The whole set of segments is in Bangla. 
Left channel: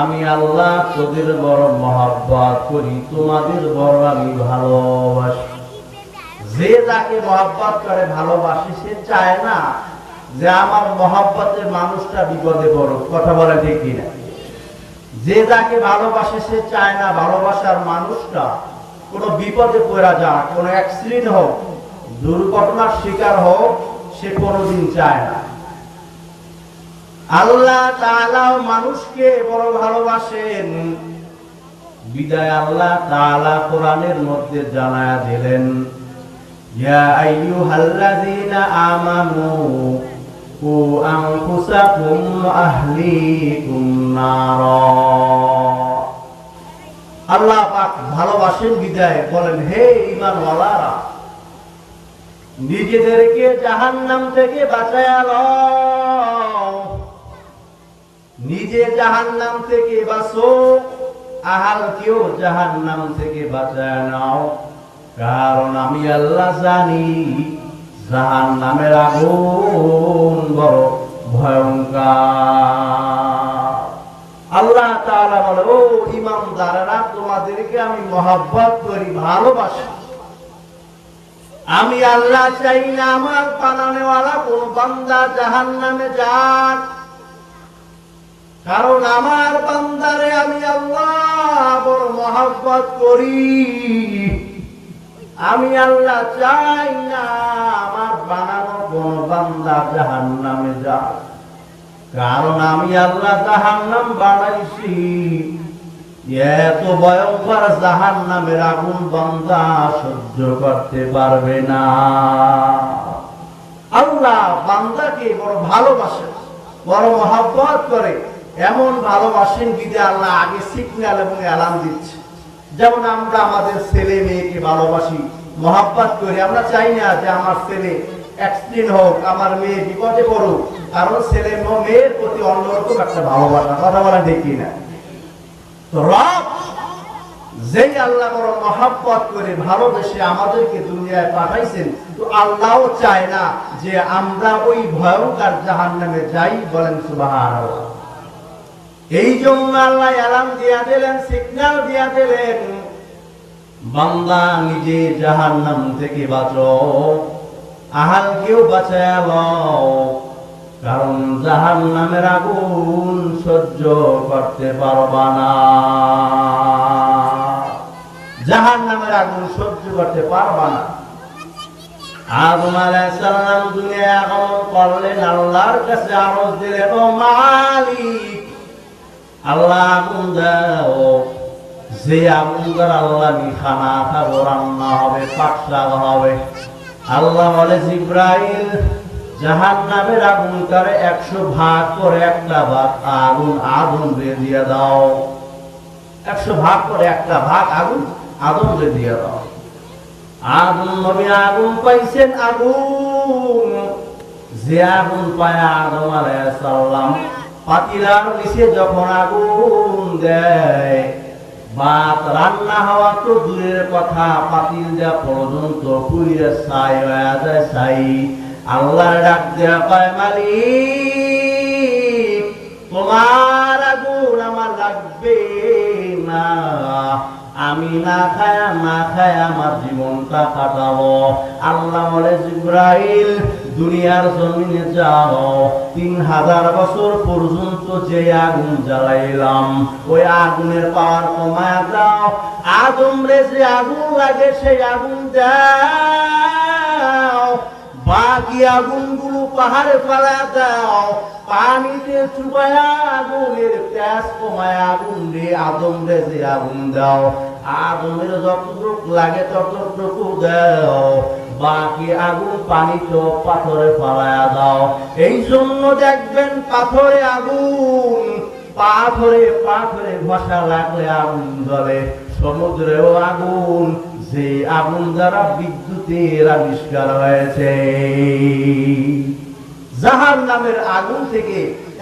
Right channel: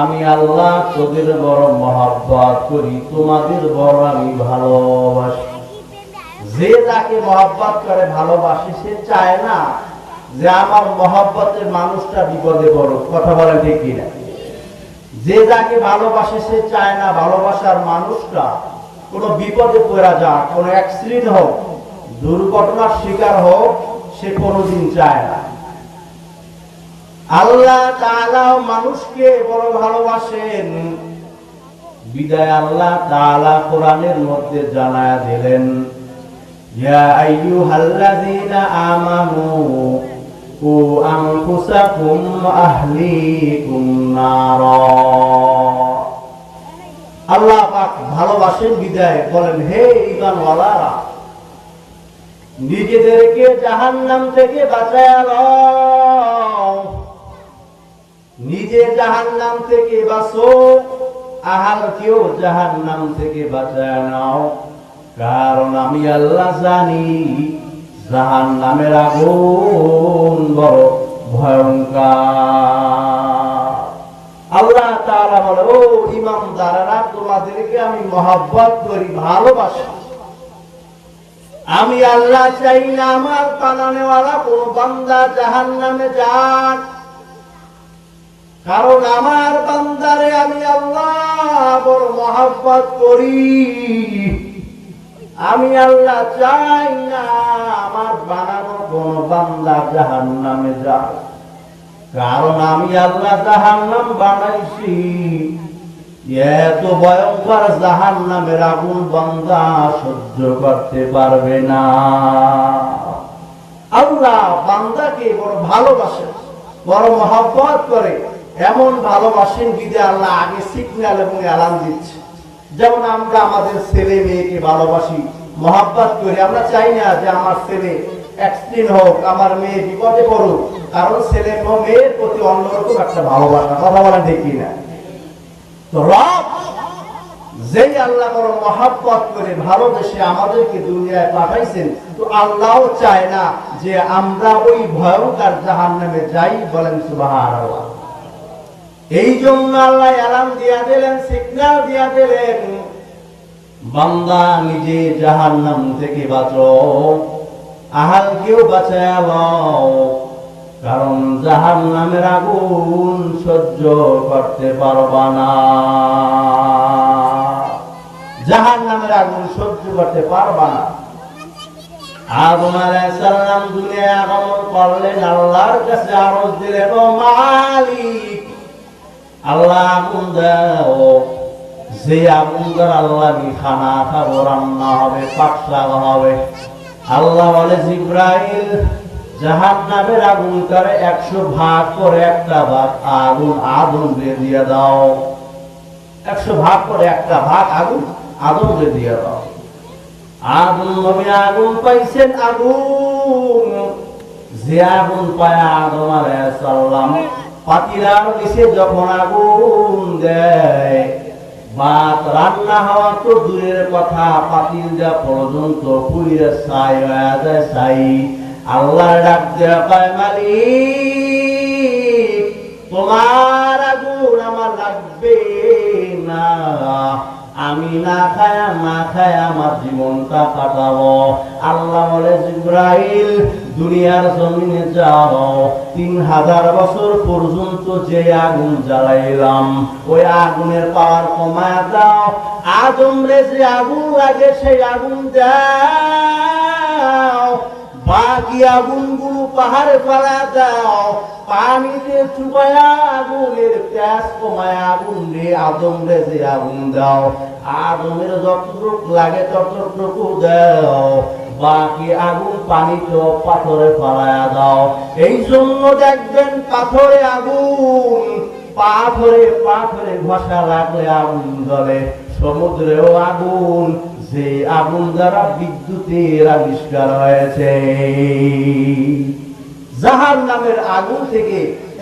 আমি আল্লাহ তোদের বড় মহাব্বত করি, তোমাদের বড় আমি ভালোবাসি। যে যাকে মহাব্বত করে, ভালোবাসি, সে চায় না যে আমার মহাব্বতের মানুষটা বিপদে পড়ুক। কথা বলে ঠিক কিনা? যে যাকে ভালোবাসে, সে চায় না ভালোবাসার মানুষটা কোনো বিপদে পড়া যাক, কোনো অ্যাক্সিডেন্ট হোক দুর্ঘটনার শিকার হোক, সে কোনোদিন চায় না। আল্লাহ মানুষকে বড় ভালোবাসেন। বিদায় আল্লাহ তাআলা কোরআনের মধ্যে জানায়া দিলেন আল্লাহ পাক ভালোবাসেন, বিদায় বলেন, হে ঈমানওয়ালারা নিজেদেরকে জাহান্নাম থেকে বাঁচায় নিজে জাহান্নাম থেকে বাঁচো আহালকেও জাহান্নাম থেকে বাঁচায় নাও। কারণ আমি আল্লাহ জানি, জাহান্নামের আগুন বড় ভয়ঙ্কর। আল্লাহ তাআলা বলে, ও ইমানদারেরা, তোমাদেরকে আমি মহব্বত করি, ভালোবাসি। আমি আল্লাহ চাই না আমার বানানেওয়ালা কোন বান্দা জাহান নামে যাক। কারণ আমার বান্দারে আমি আল্লাহ বড় মহব্বত করি। আমি আল্লাহ চাই না আমার বানানো কোন বান্দা জাহান নামে যাক। কারণ আমি আল্লাহ জাহান নাম বানাইছি। এত ভয়ঙ্কর জাহান নামের আগুন বান্দা সহ্য করতে পারবে না। আল্লাহ বান্দাকে বড় ভালোবাসে, বড় মহাব্বত করে। এমন ভালোবাসেন বিদে আল্লাহ আগে সিগন্যাল এবং অ্যালার্ম দিচ্ছে। যেমন আমরা আমাদের ছেলে মেয়েকে ভালোবাসি, মহাব্বত করি। আমরা চাই না যে আমার ছেলে অ্যাক্সিডেন্ট হোক, আমার মেয়ে বিপদে পড়ুক। কারণ ছেলে মেয়ের প্রতি অন্যরকম একটা ভালোবাসা। কথা বলা ঠিক না রব, যেই আল্লাহ বড় মহাব্বত করে ভালোবেসে আমাদেরকে দুনিয়ায় পাঠাইছেন, তো আল্লাহও চায় না যে আমরা ওই ভয়ঙ্কর জাহান নামে যাই বলেন সুবাহান এই জন্য আল্লাহ অ্যালার্ম দিয়া দিলেন সিগন্যাল দিয়া দিলেন, বান্দা নিজে জাহান নাম থেকে বাঁচো আহাল কেউ বাঁচায় কারণ জাহান নামের আগুন সহ্য করতে পারবা না। জাহান নামের আগুন সহ্য করতে পারবা না। আদম আলাইসাল্লাম দুনিয়া আগমন করলেন, আল্লাহর কাছে আরজ দিলেন মালিক, আল্লাহ আগুন দাও। যে আগুন দ্বারা আল্লাহ আমি খানা খাব, রান্না হবে পাকশাক হবে। আল্লাহ বলে, জিব্রাইল জাহান নামের আগুন করে একশো ভাগ করে একটা ভাগ আগুন আগুন দিয়ে দাও। একশো ভাগ করে একটা ভাগ আগুন আগুন দিয়ে দাও। আগুন নবী আগুন পাইছেন আগুন। যে আগুন পায় আদম আলাইসাল্লাম পাতিলার যখন আগুন দেয়। ভাত রান্না হওয়া তো দূরের কথা, পাতিল যা পর্যন্ত পুইরে ছাই হয়ে যায় ছাই। আল্লাহ ডাক দেওয়া পায় মালিক, তোমার আগুন আমার লাগবে না। আমি না খায়া, না খায় আমার জীবনটা কাটাবো। আল্লাহ বলে, জিব্রাইল, দুনিয়ার জমিনে যাও। তিন হাজার বছর পর্যন্ত যে আগুন জ্বালাইলাম, ওই আগুনের পাওয়ার কমায় দাও। আগুন রে যে আগুন লাগে, সেই আগুন বাকি আগুনগুলো পাহাড়ে ফেলা দাও পানিতে চুপায়া আগুনের প্যাস কমায় আগুন রে আদম রে যে আগুন দাও। আগুনের যতটুকু লাগে ততটুকু দাও। বাকি আগুন পানি পানিতে পাথরে ফেলায়া দাও। এই জন্য দেখবেন পাথরে আগুন পাথরে পাথরে ঘষা লাগলে আগুন জ্বলে, সমুদ্রেও আগুন, যে আগুন দ্বারা বিদ্যুতের আবিষ্কার হয়েছে। জাহান নামের আগুন থেকে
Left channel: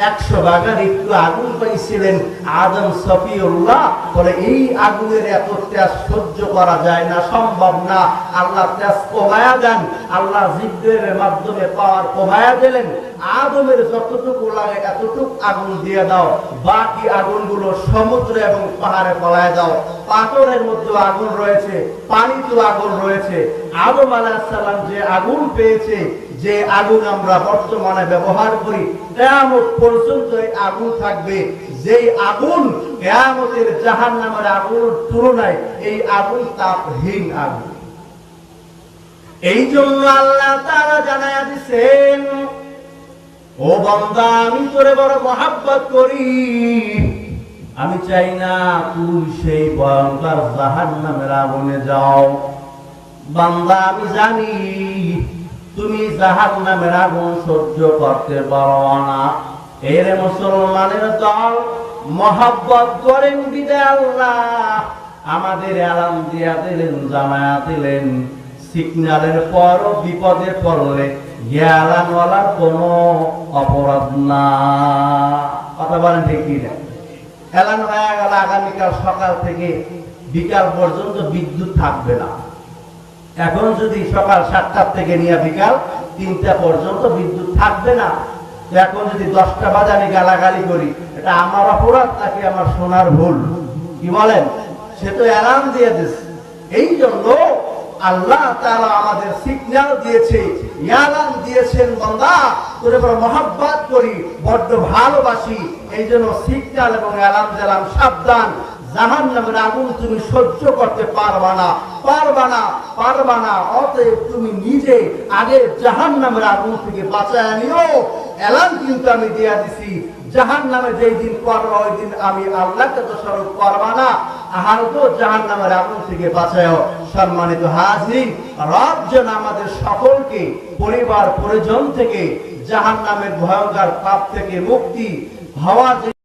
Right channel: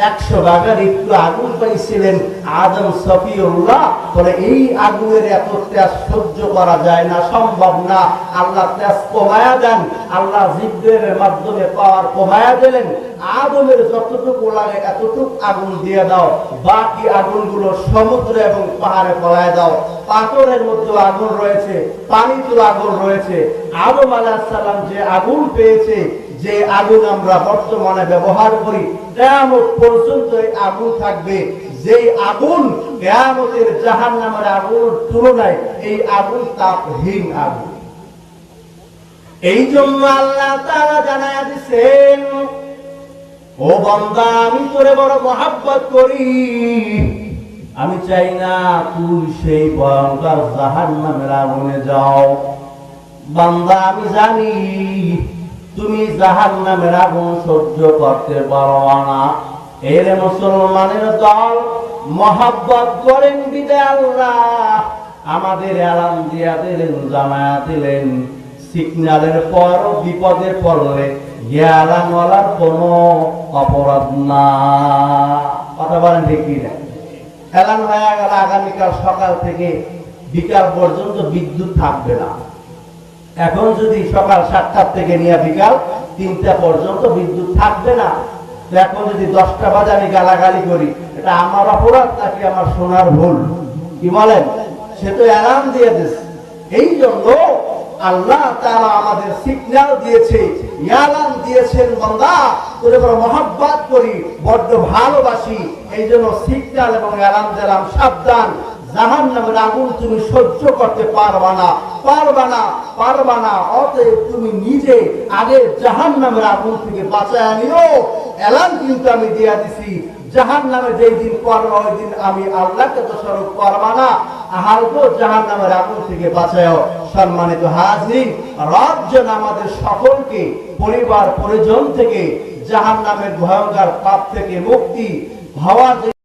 একশো ভাগের একটু আগুন পাইছিলেন আদম সফিউল্লাহ। বলে, এই আগুনের এত তেজ সহ্য করা যায় না, সম্ভব না। আল্লাহ তেজ কমায়া দেন। আল্লাহ জিব্রের মাধ্যমে পাওয়ার কমায়া দিলেন। আদমের যতটুকু লাগে এতটুকু আগুন দিয়ে দাও। বাকি আগুনগুলো সমুদ্র এবং পাহাড়ে ফলায় দাও। পাথরের মধ্যে আগুন রয়েছে পানিতে আগুন রয়েছে। আদম আলাহিসাল্লাম যে আগুন পেয়েছে যে আগুন আমরা বর্তমানে ব্যবহার করি, কেয়ামত পর্যন্ত আগুন থাকবে। যেই আগুন কেয়ামতের জাহান নামের আগুনের তুলনায় এই আগুন তাপহীন আগুন। এই জন্য আল্লাহ তারা জানায়া দিচ্ছেন ও বন্দা, আমি তোরে বড় মহাব্বত করি। আমি চাই না তুই সেই ভয়ঙ্কর জাহান নামের আগুনে যাও। বান্দা, আমি জানি তুমি জাহান নামের আগুন সহ্য করতে পারো না। এর মুসলমানের দল মহাব্বত করেন বিদে আল্লাহ আমাদের আলাম দিয়া দিলেন, জামায়া দিলেন। সিগন্যালের পর বিপদে পড়লে জ্ঞানওয়ালার কোনো অপরাধ না। কথা বলেন ঠিক কি না এলান হয়ে গেল, আগামীকাল সকাল থেকে বিকাল পর্যন্ত বিদ্যুৎ থাকবে না। এখন যদি সকাল সাতটার থেকে নিয়ে বিকাল তিনটা পর্যন্ত বিদ্যুৎ থাকবে না। এখন যদি দশটা বাজে আমি গালাগালি করি, এটা আমার অপরাধ নাকি আমার সোনার ভুল? কি বলেন? সে তো অ্যালার্ম দিয়ে দিচ্ছে এই জন্য আল্লাহ তারা আমাদের সিগন্যাল দিয়েছে ইয়ালান দিয়েছেন বান্দা, তোরে বড় মহাব্বত করি, বড্ড ভালোবাসি এই জন্য সিগন্যাল এবং অ্যালার্ম দিলাম, সাবধান। জাহান নামের আগুন তুমি সহ্য করতে পারবা না। পারবা না পারবা না। অতএব তুমি নিজে আগে জাহান নামের আগুন থেকে বাঁচায় নিও। এলান কিন্তু আমি দিয়া দিছি। জাহান নামে যেই দিন করবা ওই দিন আমি আল্লাহকে তো স্বরূপ করবা না। আহার তো জাহান নামের আগুন থেকে বাঁচায় সম্মানিত হাজির, রব যেন আমাদের সকলকে পরিবার, পরিজন থেকে জাহান নামের ভয়ঙ্কর পাপ থেকে মুক্তি হওয়ার